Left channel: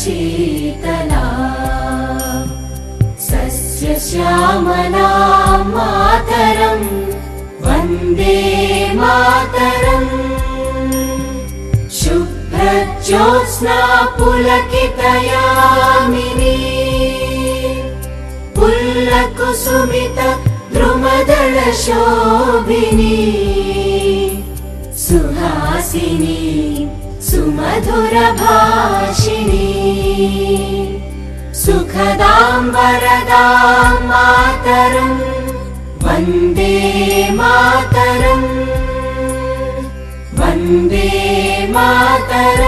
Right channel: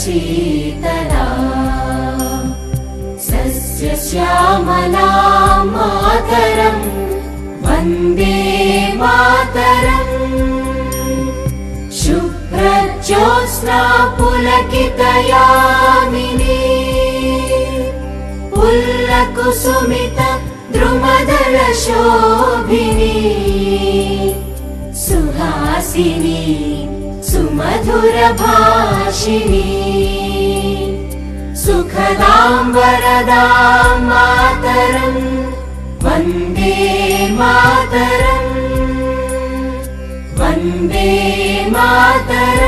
शीतला सस्यश्यामला मातरम् वन्दे मातरम् शुभ्रज्योत्स्ना पुलकितयामिनी पुल्लकुसुमित द्रुमदलशोभिनी सुहासिनी सुमधुरभाषिणी सुखदां वरदां मातरम् वन्दे मातरम् वन्दे मातरम्।